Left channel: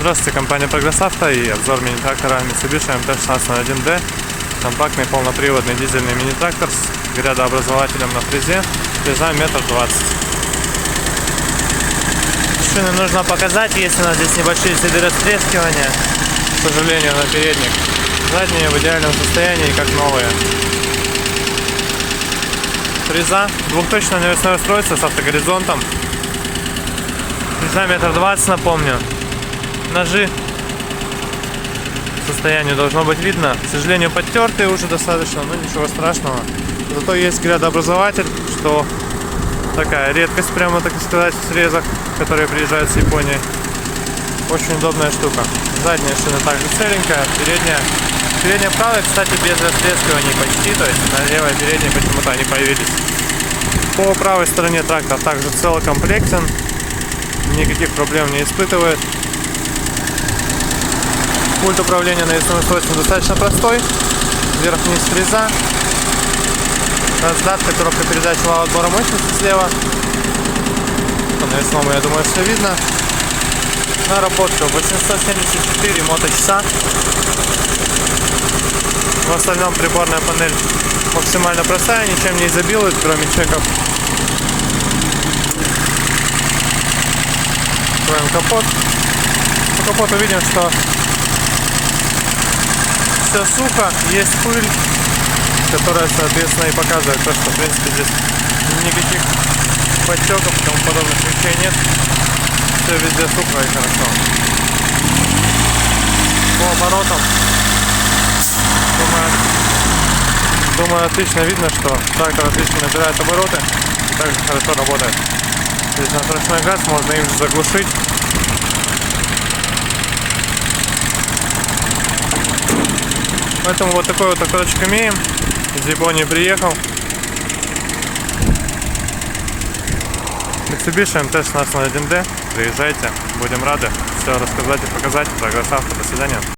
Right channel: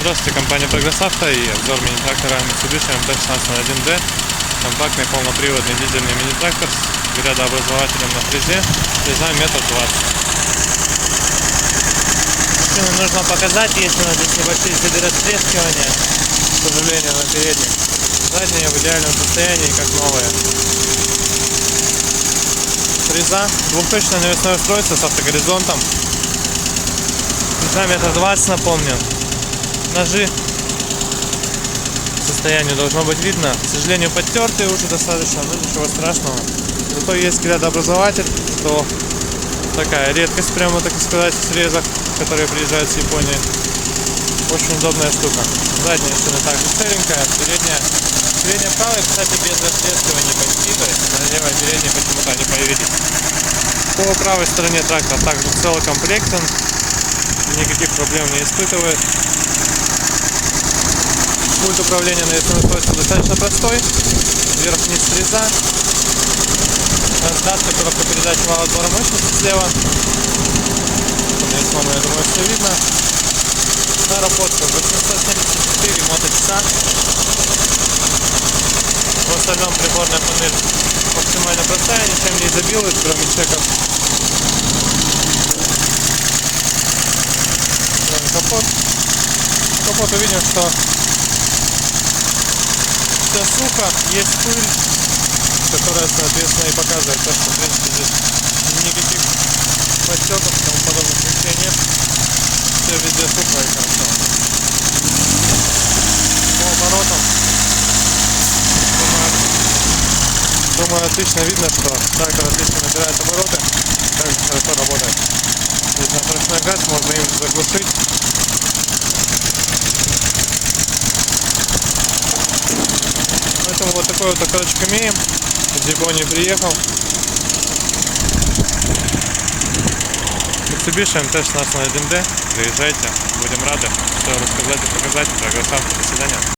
Здравствуйте, компания Прогресс Авто и обзор мини-трактора Mitsubishi MT-1601D. Компактный полноприводный дизельный мини-трактор с грядообразователем на фрезе, длина 1,20 м. Шины нужно показать, есть у нас здесь небольшие следы растрескивания, к сожалению, на передних. Задние в идеальном состоянии, как новые. Фреза, двухточная навесная устройство с автогоризонтом. Длина 1,20 м, напомню. Ножи состояние должно быть видно. К сожалению, подтертые уже достаточно, но ничего страшного. Зато есть грядообразователь, что такая редкость, прямо так сказать, в срезах, которые приезжают с Японии. Очень удобная штука. Задняя шина также целенькая, передняя правая, кстати, без растрескиваний почти, то есть на левой передней почему-то они появились. По правой стороне трактор также целокомплектен, никаких проблем не испытывает. Пульт управления навесным устройством достаточно простой. Вверх-вниз фреза. Раздатка, коробка передач, вал отбора мощности слева. По навесному, я думаю, все видно. Наработка 874 моточаса. В остальном приборная панель максимально простая, ничем не изобилует, кроме чеков. Откроем капот. По капоту видим, что все сухо, есть пыль, которая, соответственно, и показывает то, что, в принципе, здесь никаких подтеков и тому подобных вещей нет. Все везде сухо и хорошо. По оборотам, думаю, отлично видно, что трактор отлично набирает обороты, также хорошо работает. Здесь на ручной газ, можно им же заглушить. Поэтому вот такой вот тракторчик имеем. Из Японии приехал. Mitsubishi MT-1601D. Приезжайте, будем рады все рассказать и показать. Прогресс Авто. До свидания.